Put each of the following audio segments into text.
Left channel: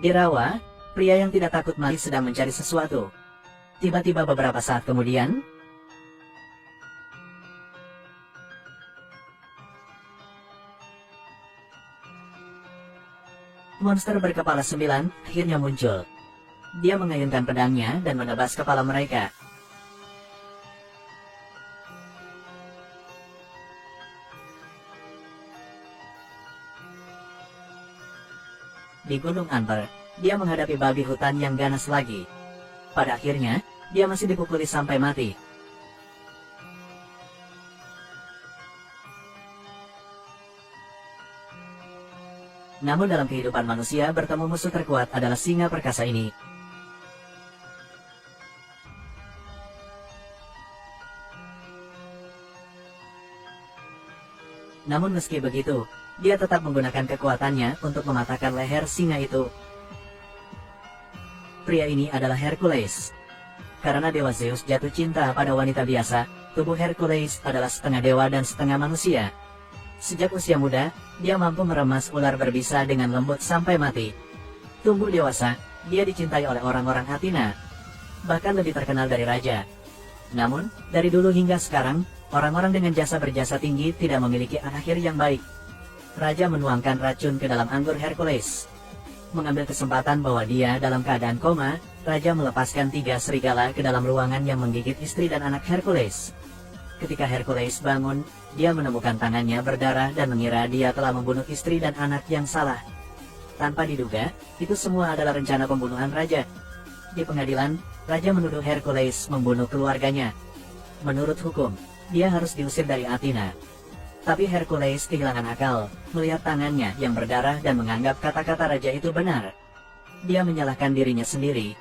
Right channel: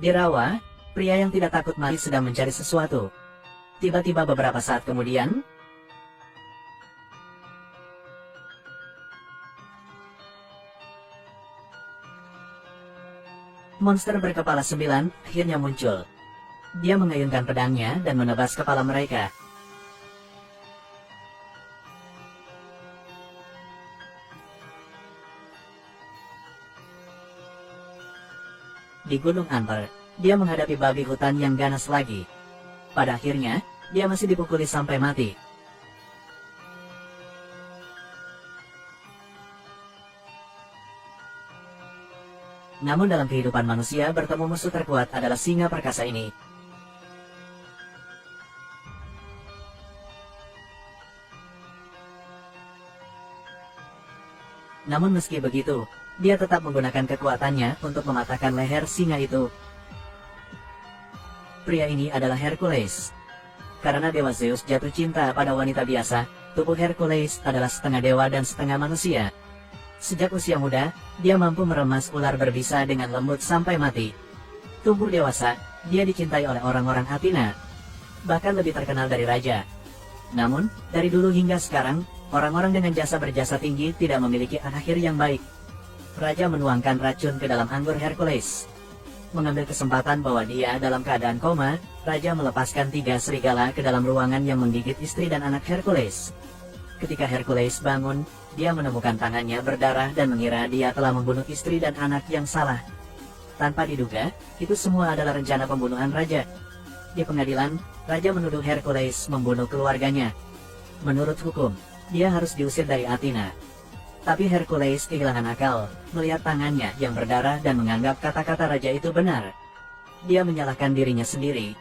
Di rawa, pria yang tidak takut mati sedang mencari sesuatu. Tiba-tiba beberapa saat kemudian, monster berkepala 9 akhirnya muncul. Dia mengayunkan pedangnya dan menebas kepala mereka. Di Gunung Amber, dia menghadapi babi hutan yang ganas lagi. Pada akhirnya, dia masih dipukuli sampai mati. Namun dalam kehidupan manusia, bertemu musuh terkuat adalah singa perkasa ini. Namun meski begitu, dia tetap menggunakan kekuatannya untuk mematahkan leher singa itu. Pria ini adalah Hercules. Karena dewa Zeus jatuh cinta pada wanita biasa, tubuh Hercules adalah setengah dewa dan setengah manusia. Sejak usia muda, dia mampu meremas ular berbisa dengan lembut sampai mati. Tumbuh dewasa, dia dicintai oleh orang-orang Athena, bahkan lebih terkenal dari raja. Namun, dari dulu hingga sekarang, orang-orang dengan berjasa tinggi tidak memiliki akhir yang baik. Raja menuangkan racun ke dalam anggur Hercules. Mengambil kesempatan bahwa dia dalam keadaan koma, Raja melepaskan 3 serigala ke dalam ruangan yang menggigit istri dan anak Hercules. Ketika Hercules bangun, dia menemukan tangannya berdarah dan mengira dia telah membunuh istri dan anak yang salah. Tanpa diduga, itu semua adalah rencana pembunuhan Raja. Di pengadilan, Raja menuduh Hercules membunuh keluarganya. Menurut hukum, dia harus diusir dari Athena. Tapi Hercules kehilangan akal, melihat tangannya yang berdarah dan menganggap kata-kata raja itu benar. Dia menyalahkan dirinya sendiri.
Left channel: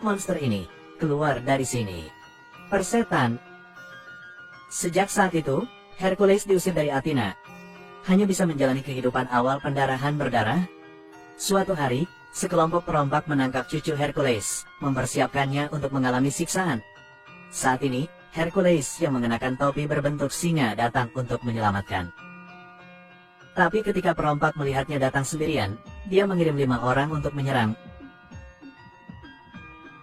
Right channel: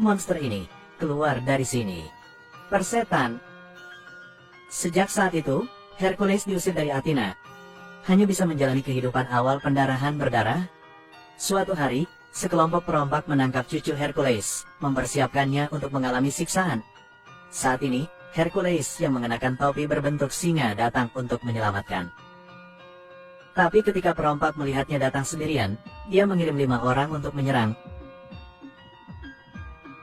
Monster ini, keluar dari sini. Persetan. Sejak saat itu, Hercules diusir dari Athena. Hanya bisa menjalani kehidupan awal pendarahan berdarah. Suatu hari, sekelompok perompak menangkap cucu Hercules, mempersiapkannya untuk mengalami siksaan. Saat ini, Hercules yang mengenakan topi berbentuk singa datang untuk menyelamatkan. Tapi ketika perompak melihatnya datang sendirian, dia mengirim 5 orang untuk menyerang.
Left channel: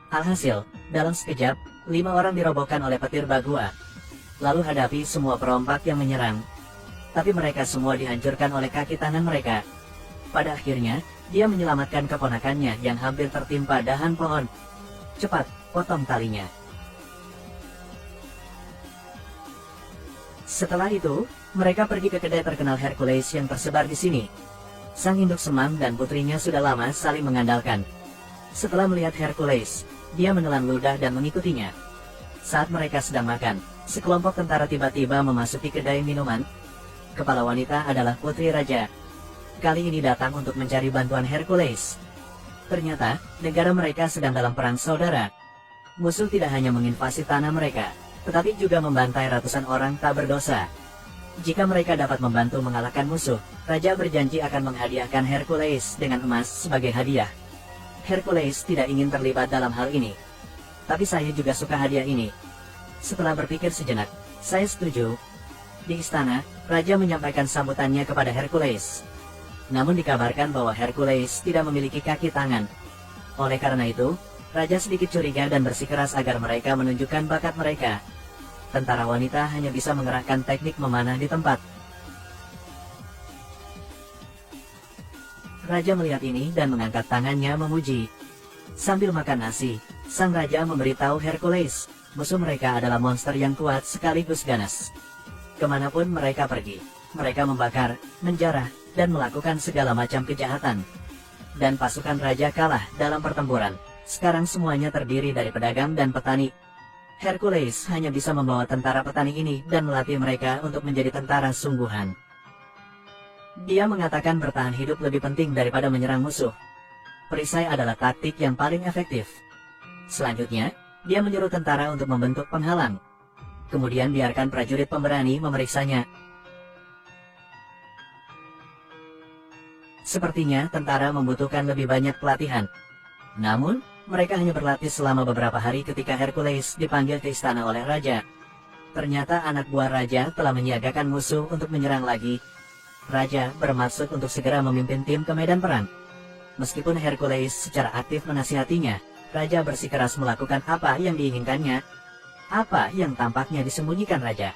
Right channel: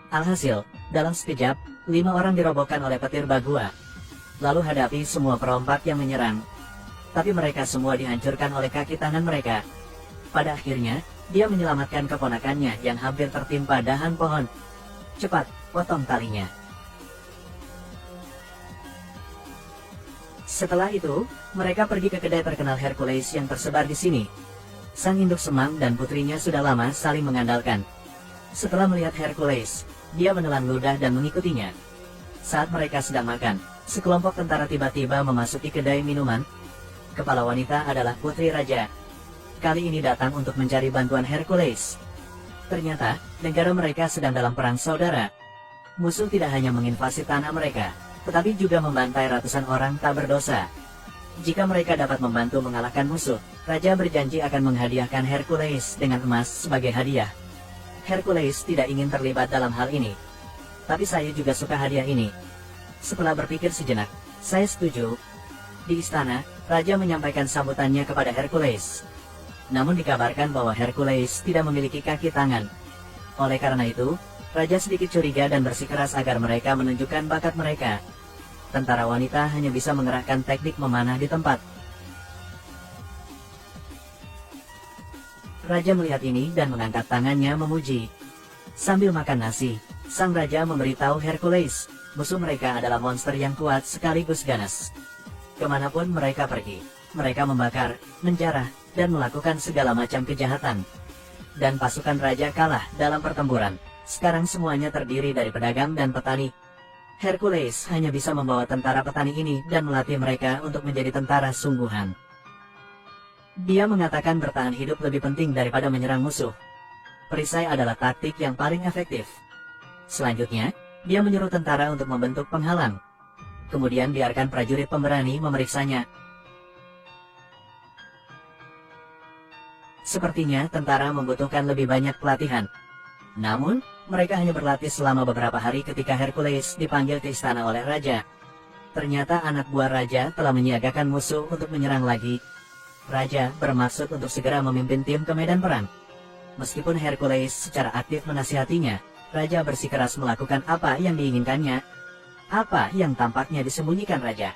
Alhasil, dalam sekejap, 5 orang dirobohkan oleh petir Bagua. Lalu hadapi semua perompak yang menyerang. Tapi mereka semua dihancurkan oleh kaki tangan mereka. Pada akhirnya, dia menyelamatkan keponakannya yang hampir tertimpa dahan pohon. Cepat, potong talinya. Setelah itu, mereka pergi ke kedai terkenal Hercules yang tersebar di sini. Sang induk semang dan putrinya sudah lama saling mengandalkan. Setelah melihat Hercules, dia menelan ludah dan mengikutinya. Saat mereka sedang makan, sekelompok tentara tiba-tiba memasuki kedai minuman. Kepala wanita adalah putri raja. Kali ini datang untuk mencari bantuan Hercules. Ternyata, negara mereka sedang dalam perang saudara. Musuh tidak hanya menginvasi tanah mereka, tetapi juga membantai ratusan orang tak berdosa. Jika mereka dapat membantu mengalahkan musuh, Raja berjanji akan menghadiahkan Hercules dengan emas sebagai hadiah. Hercules tidak ingin terlibat dalam hal ini. Tapi saya juga suka hadiah ini. Setelah berpikir sejenak, saya setuju. Di istana, Raja menyampaikan sambutannya kepada Hercules. Namun dikabarkan bahwa Hercules tidak memiliki kaki tangan. Oleh karena itu, Raja sedikit curiga dan bersikeras agar mereka menunjukkan bakat mereka. Tentara wanita hanya bisa mengerahkan teknik memanah di tempat. Raja melihat ini dan mengangkat tangannya memuji. Sambil makan nasi, sang raja memberitahu Hercules, musuh mereka adalah monster yang kuat sekaligus ganas. Kemanapun mereka pergi, mereka membakar, menjarah, dan melakukan segala macam kejahatan. Dan pasukan raja kalah dalam pertempuran. Sekarang semuanya terdiri dari pedagang dan petani. Hercules hanya bisa membawa tentara petani ini dan melatih mereka untuk menjadi tentara sungguhan. Dia mengatakan bertahan hidup lebih penting daripada menyerang musuh. Perisai adalah taktik yang paling efektif. Selanjutnya, dia menyuruh tentara untuk membentuk penghalang. Kemudian biarkan prajurit pemberani memeriksanya. Sepertinya tentara membutuhkan lebih banyak pelatihan. Namun, mereka hanya berlatih selama beberapa hari ketika Hercules dipanggil ke istana oleh raja. Ternyata anak buah raja telah menyiagakan musuh untuk menyerang lagi. Raja bermaksud untuk segera memimpin tim ke medan perang. Meskipun Hercules secara aktif menasihatinya, raja bersikeras melakukan apa yang diinginkannya, apa yang tampaknya disembunyikan raja.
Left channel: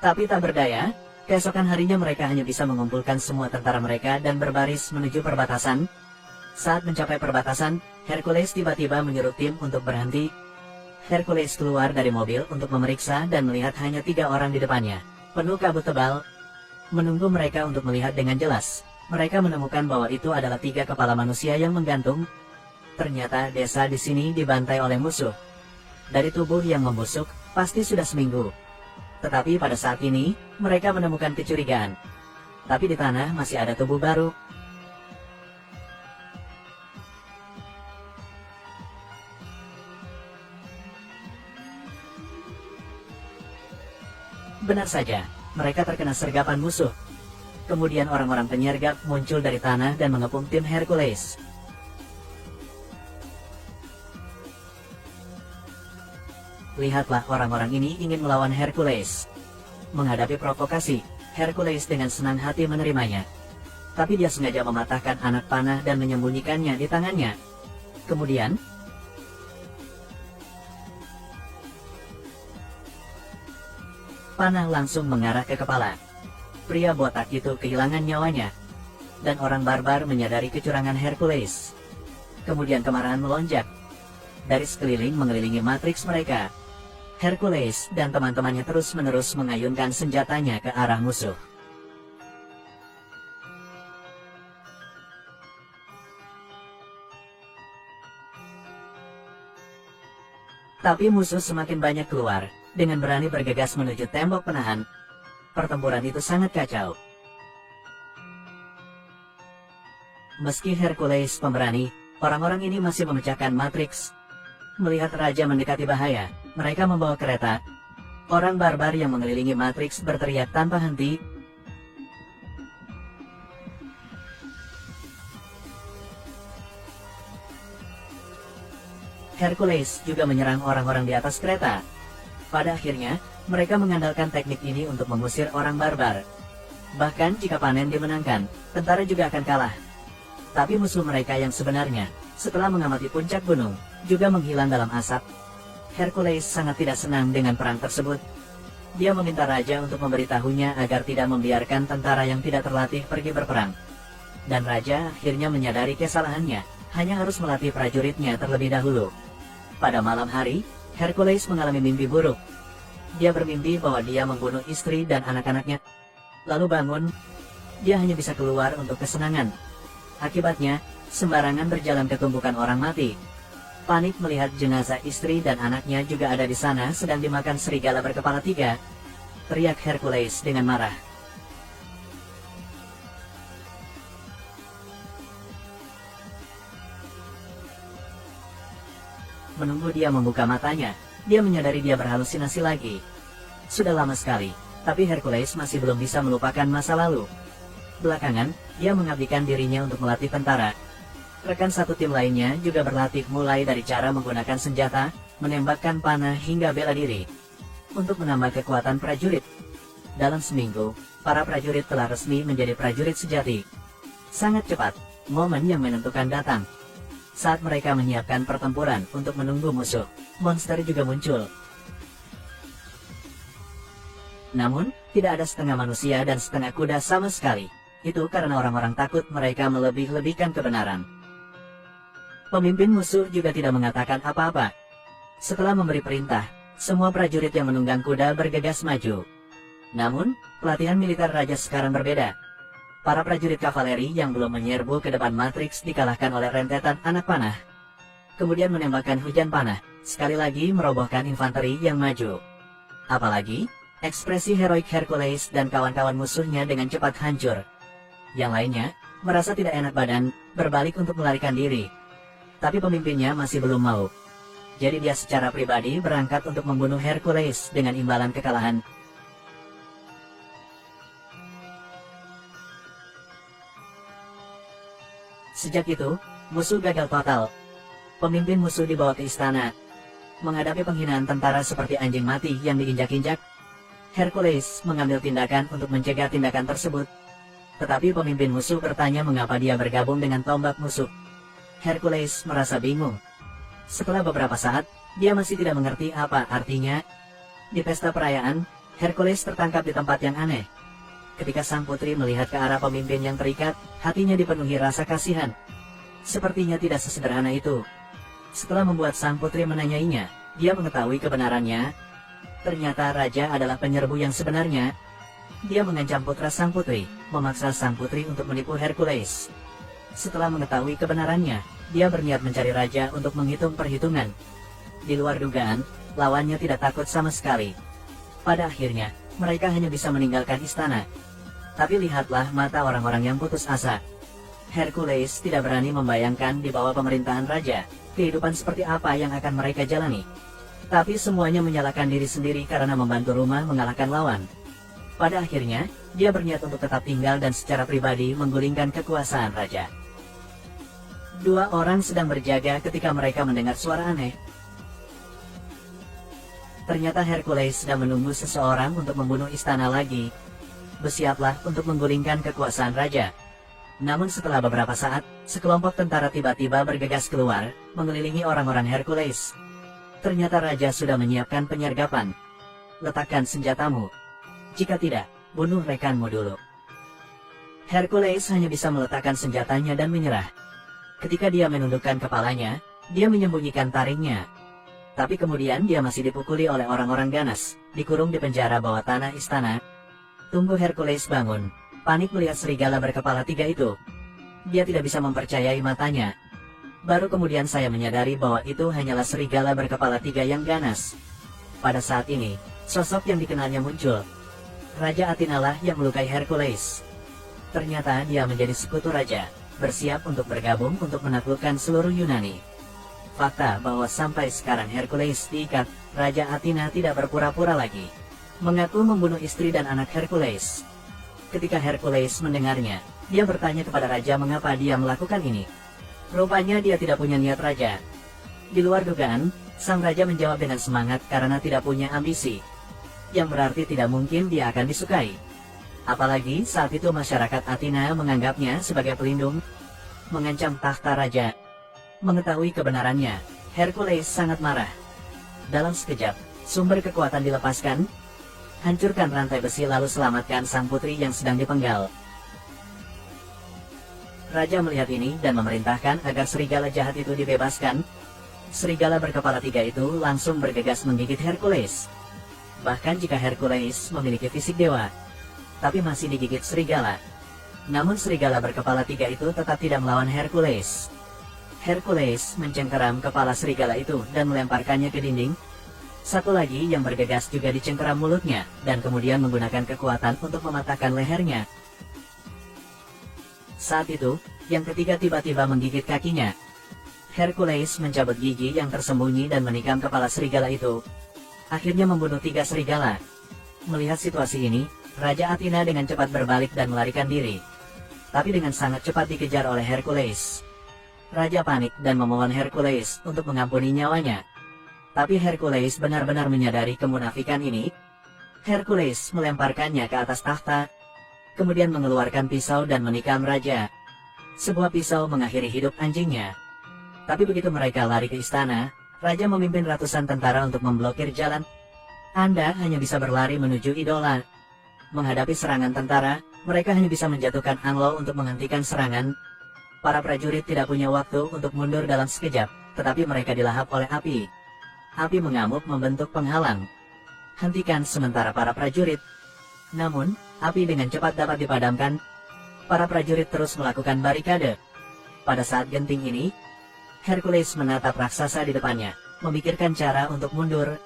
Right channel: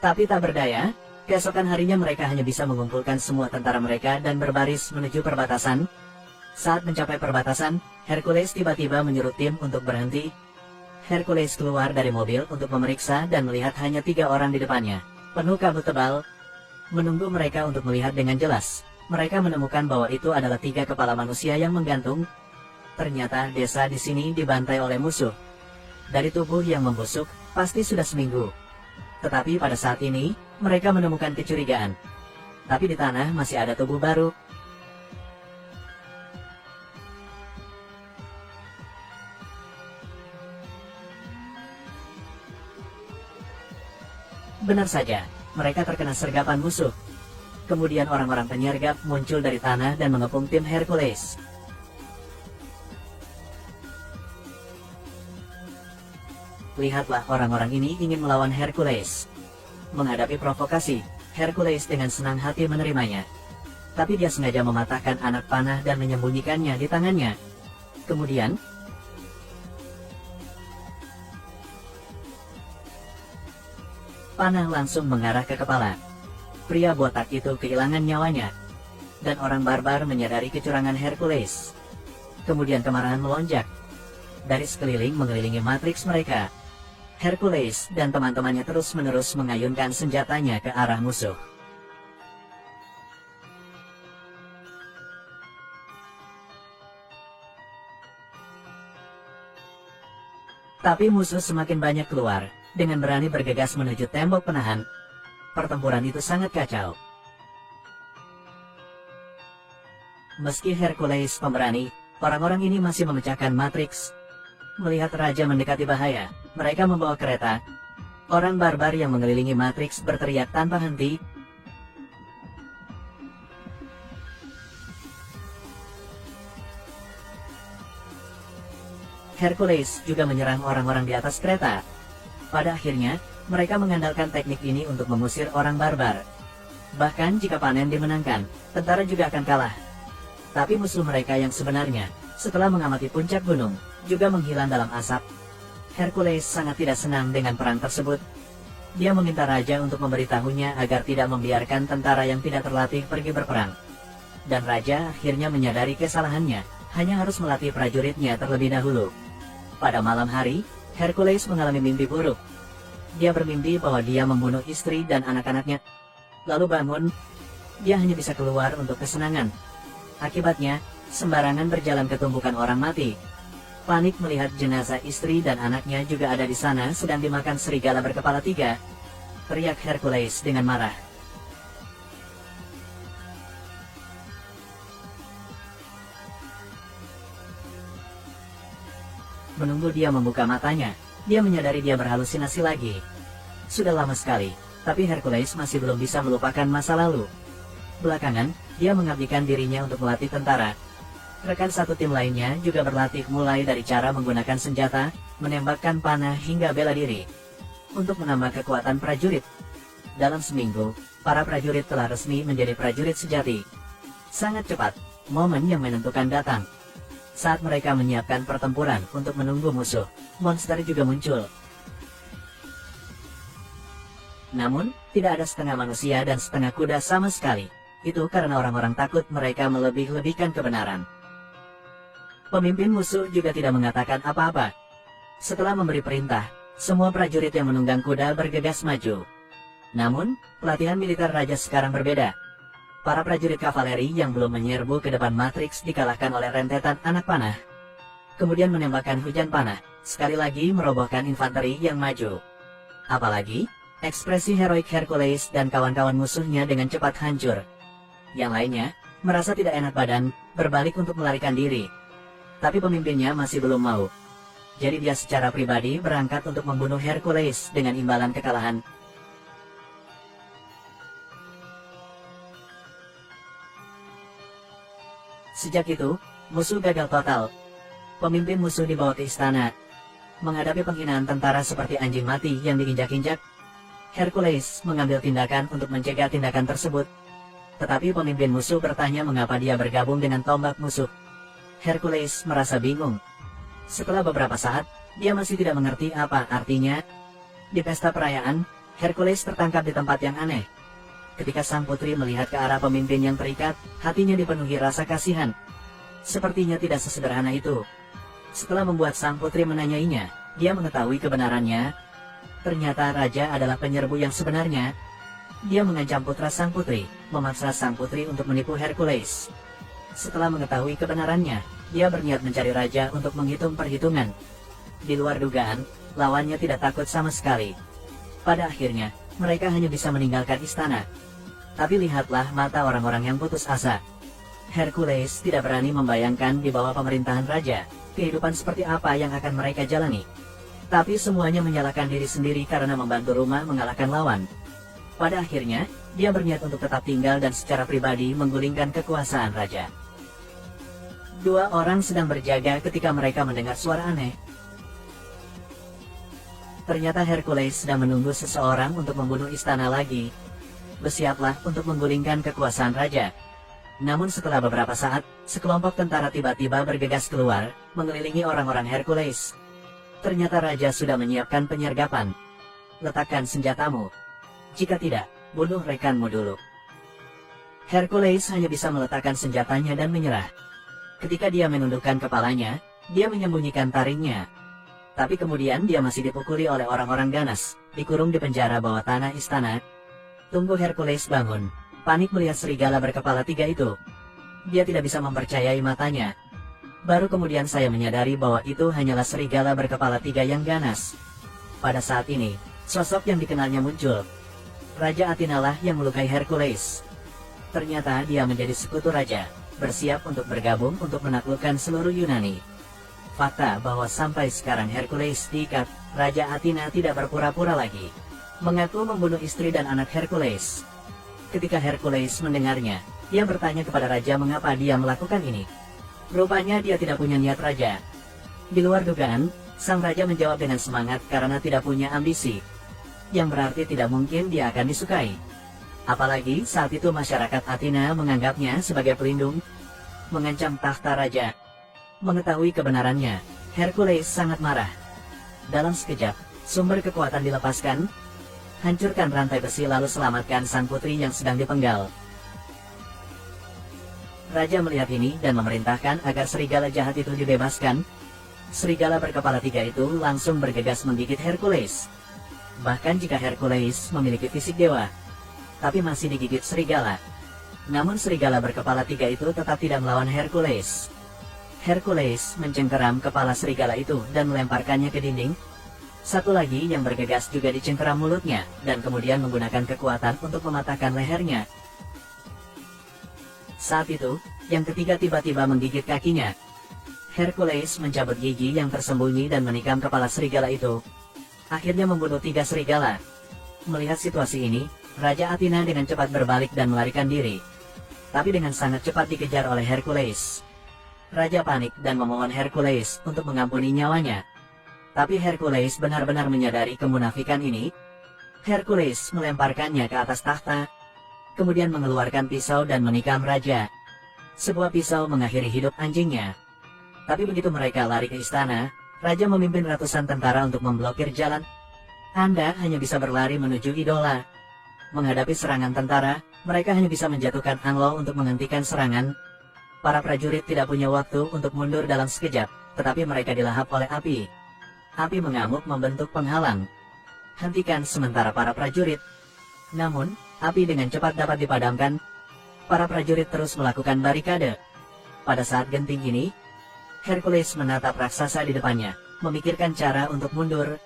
Tapi tak berdaya, keesokan harinya mereka hanya bisa mengumpulkan semua tentara mereka dan berbaris menuju perbatasan. Saat mencapai perbatasan, Hercules tiba-tiba menyuruh tim untuk berhenti. Hercules keluar dari mobil untuk memeriksa dan melihat hanya 3 orang di depannya, penuh kabut tebal. Menunggu mereka untuk melihat dengan jelas, mereka menemukan bahwa itu adalah 3 kepala manusia yang menggantung. Ternyata desa di sini dibantai oleh musuh. Dari tubuh yang membusuk, pasti sudah seminggu. Tetapi pada saat ini, mereka menemukan kecurigaan. Tapi di tanah masih ada tubuh baru. Benar saja, mereka terkena sergapan musuh. Kemudian orang-orang penyergap muncul dari tanah dan mengepung tim Hercules. Lihatlah, orang-orang ini ingin melawan Hercules. Menghadapi provokasi, Hercules dengan senang hati menerimanya. Tapi dia sengaja mematahkan anak panah dan menyembunyikannya di tangannya. Kemudian, panah langsung mengarah ke kepala. Pria botak itu kehilangan nyawanya. Dan orang barbar menyadari kecurangan Hercules. Kemudian kemarahan melonjak. Dari sekeliling mengelilingi matriks mereka. Hercules dan teman-temannya terus-menerus mengayunkan senjatanya ke arah musuh. Tapi musuh semakin banyak keluar, dengan berani bergegas menuju tembok penahan. Pertempuran itu sangat kacau. Meski Hercules pemberani, orang-orang ini masih memecahkan matriks. Melihat raja mendekati bahaya, mereka membawa kereta. Orang barbar yang mengelilingi matriks berteriak tanpa henti. Hercules juga menyerang orang-orang di atas kereta. Pada akhirnya, mereka mengandalkan teknik ini untuk mengusir orang barbar. Bahkan jika panen dimenangkan, tentara juga akan kalah. Tapi musuh mereka yang sebenarnya, setelah mengamati puncak gunung, juga menghilang dalam asap. Hercules sangat tidak senang dengan peran tersebut. Dia meminta raja untuk memberitahunya agar tidak membiarkan tentara yang tidak terlatih pergi berperang. Dan raja akhirnya menyadari kesalahannya, hanya harus melatih prajuritnya terlebih dahulu. Pada malam hari, Hercules mengalami mimpi buruk. Dia bermimpi bahwa dia membunuh istri dan anak-anaknya. Lalu bangun, dia hanya bisa keluar untuk kesenangan. Akibatnya, sembarangan berjalan ke tumpukan orang mati. Panik melihat jenazah istri dan anaknya juga ada di sana sedang dimakan serigala berkepala 3. Teriak Hercules dengan marah. Menunggu dia membuka matanya, dia menyadari dia berhalusinasi lagi. Sudah lama sekali, tapi Hercules masih belum bisa melupakan masa lalu. Belakangan, dia mengabdikan dirinya untuk melatih tentara. Rekan satu tim lainnya juga berlatih mulai dari cara menggunakan senjata, menembakkan panah hingga bela diri. Untuk menambah kekuatan prajurit. Dalam seminggu, para prajurit telah resmi menjadi prajurit sejati. Sangat cepat, momen yang menentukan datang. Saat mereka menyiapkan pertempuran untuk menunggu musuh, monster juga muncul. Namun, tidak ada setengah manusia dan setengah kuda sama sekali. Itu karena orang-orang takut mereka melebih-lebihkan kebenaran. Pemimpin musuh juga tidak mengatakan apa-apa. Setelah memberi perintah, semua prajurit yang menunggang kuda bergegas maju. Namun, pelatihan militer raja sekarang berbeda. Para prajurit kavaleri yang belum menyerbu ke depan matriks dikalahkan oleh rentetan anak panah. Kemudian menembakkan hujan panah, sekali lagi merobohkan infanteri yang maju. Apalagi, ekspresi heroik Hercules dan kawan-kawan musuhnya dengan cepat hancur. Yang lainnya, merasa tidak enak badan, berbalik untuk melarikan diri. Tapi pemimpinnya masih belum mau. Jadi dia secara pribadi berangkat untuk membunuh Hercules dengan imbalan kekalahan. Sejak itu, musuh gagal total. Pemimpin musuh dibawa ke istana. Menghadapi penghinaan tentara seperti anjing mati yang diinjak-injak, Hercules mengambil tindakan untuk mencegah tindakan tersebut. Tetapi pemimpin musuh bertanya mengapa dia bergabung dengan tombak musuh. Hercules merasa bingung. Setelah beberapa saat, dia masih tidak mengerti apa artinya. Di pesta perayaan, Hercules tertangkap di tempat yang aneh. Ketika sang putri melihat ke arah pemimpin yang terikat, hatinya dipenuhi rasa kasihan. Sepertinya tidak sesederhana itu. Setelah membuat sang putri menanyainya, dia mengetahui kebenarannya. Ternyata raja adalah penyerbu yang sebenarnya. Dia mengancam putra sang putri, memaksa sang putri untuk menipu Hercules. Setelah mengetahui kebenarannya, dia berniat mencari raja untuk menghitung perhitungan. Di luar dugaan, lawannya tidak takut sama sekali. Pada akhirnya, mereka hanya bisa meninggalkan istana. Tapi lihatlah mata orang-orang yang putus asa. Hercules tidak berani membayangkan di bawah pemerintahan raja, kehidupan seperti apa yang akan mereka jalani. Tapi semuanya menyalahkan diri sendiri karena membantu rumah mengalahkan lawan. Pada akhirnya, dia berniat untuk tetap tinggal dan secara pribadi menggulingkan kekuasaan raja. Dua orang sedang berjaga ketika mereka mendengar suara aneh. Ternyata Hercules sedang menunggu seseorang untuk membunuh istana lagi. Bersiaplah untuk menggulingkan kekuasaan raja. Namun setelah beberapa saat, sekelompok tentara tiba-tiba bergegas keluar, mengelilingi orang-orang Hercules. Ternyata raja sudah menyiapkan penyergapan. Letakkan senjatamu. Jika tidak, bunuh rekanmu dulu. Hercules hanya bisa meletakkan senjatanya dan menyerah. Ketika dia menundukkan kepalanya, dia menyembunyikan taringnya. Tapi kemudian dia masih dipukuli oleh orang-orang ganas, dikurung di penjara bawah tanah istana. Tunggu Hercules bangun, panik melihat serigala berkepala 3 itu. Dia tidak bisa mempercayai matanya. Baru kemudian saya menyadari bahwa itu hanyalah serigala berkepala 3 yang ganas. Pada saat ini, sosok yang dikenalnya muncul. Raja Athena lah yang melukai Hercules. Ternyata dia menjadi sekutu raja, bersiap untuk bergabung untuk menaklukkan seluruh Yunani. Fakta bahwa sampai sekarang Hercules diikat, Raja Athena tidak berpura-pura lagi. Mengaku membunuh istri dan anak Hercules. Ketika Hercules mendengarnya, dia bertanya kepada raja mengapa dia melakukan ini. Rupanya dia tidak punya niat raja. Di luar dugaan, sang raja menjawab dengan semangat karena tidak punya ambisi. Yang berarti tidak mungkin dia akan disukai. Apalagi saat itu masyarakat Athena menganggapnya sebagai pelindung, mengancam tahta raja. Mengetahui kebenarannya, Hercules sangat marah. Dalam sekejap, sumber kekuatan dilepaskan, hancurkan rantai besi lalu selamatkan sang putri yang sedang dipenggal. Raja melihat ini dan memerintahkan agar serigala jahat itu dibebaskan. Serigala berkepala 3 itu langsung bergegas menggigit Hercules. Bahkan jika Hercules memiliki fisik dewa, tapi masih digigit serigala. Namun serigala berkepala 3 itu tetap tidak melawan Hercules. Hercules mencengkeram kepala serigala itu dan melemparkannya ke dinding. Satu lagi yang bergegas juga dicengkeram mulutnya, dan kemudian menggunakan kekuatan untuk mematahkan lehernya. Saat itu, yang ketiga tiba-tiba menggigit kakinya. Hercules mencabut gigi yang tersembunyi dan menikam kepala serigala itu. Akhirnya membunuh 3 serigala. Melihat situasi ini, Raja Athena dengan cepat berbalik dan melarikan diri. Tapi dengan sangat cepat dikejar oleh Hercules. Raja panik dan memohon Hercules untuk mengampuni nyawanya. Tapi Hercules benar-benar menyadari kemunafikan ini. Hercules melemparkannya ke atas tahta, kemudian mengeluarkan pisau dan menikam raja. Sebuah pisau mengakhiri hidup anjingnya. Tapi begitu mereka lari ke istana, raja memimpin ratusan tentara untuk memblokir jalan. Anda hanya bisa berlari menuju idola. Menghadapi serangan tentara, mereka hanya bisa menjatuhkan anglo untuk menghentikan serangan. Para prajurit tidak punya waktu untuk mundur dalam sekejap, tetapi mereka dilahap oleh api. Api mengamuk membentuk penghalang. Hentikan sementara para prajurit. Namun, api dengan cepat dapat dipadamkan. Para prajurit terus melakukan barikade. Pada saat genting ini, Hercules menatap raksasa di depannya, memikirkan cara untuk mundur.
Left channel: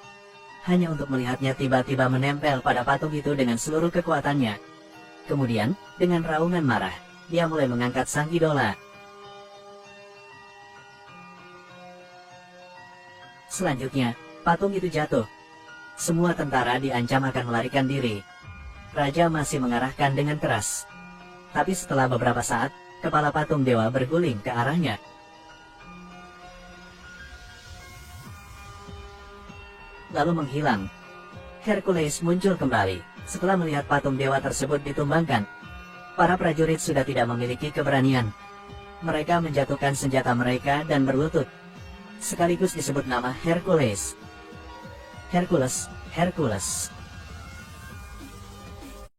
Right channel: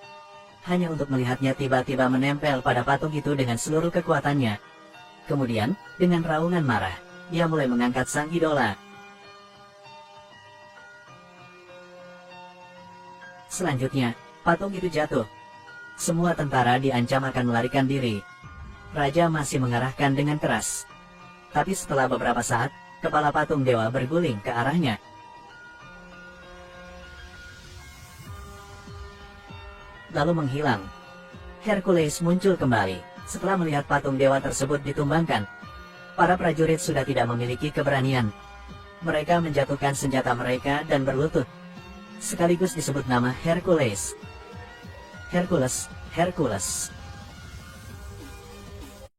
Hanya untuk melihatnya tiba-tiba menempel pada patung itu dengan seluruh kekuatannya. Kemudian, dengan raungan marah, dia mulai mengangkat sang idola. Selanjutnya, patung itu jatuh. Semua tentara diancam akan melarikan diri. Raja masih mengarahkan dengan keras. Tapi setelah beberapa saat, kepala patung dewa berguling ke arahnya. Lalu menghilang. Hercules muncul kembali setelah melihat patung dewa tersebut ditumbangkan. Para prajurit sudah tidak memiliki keberanian. mereka menjatuhkan senjata mereka dan berlutut. Sekaligus disebut nama Hercules. Hercules, Hercules.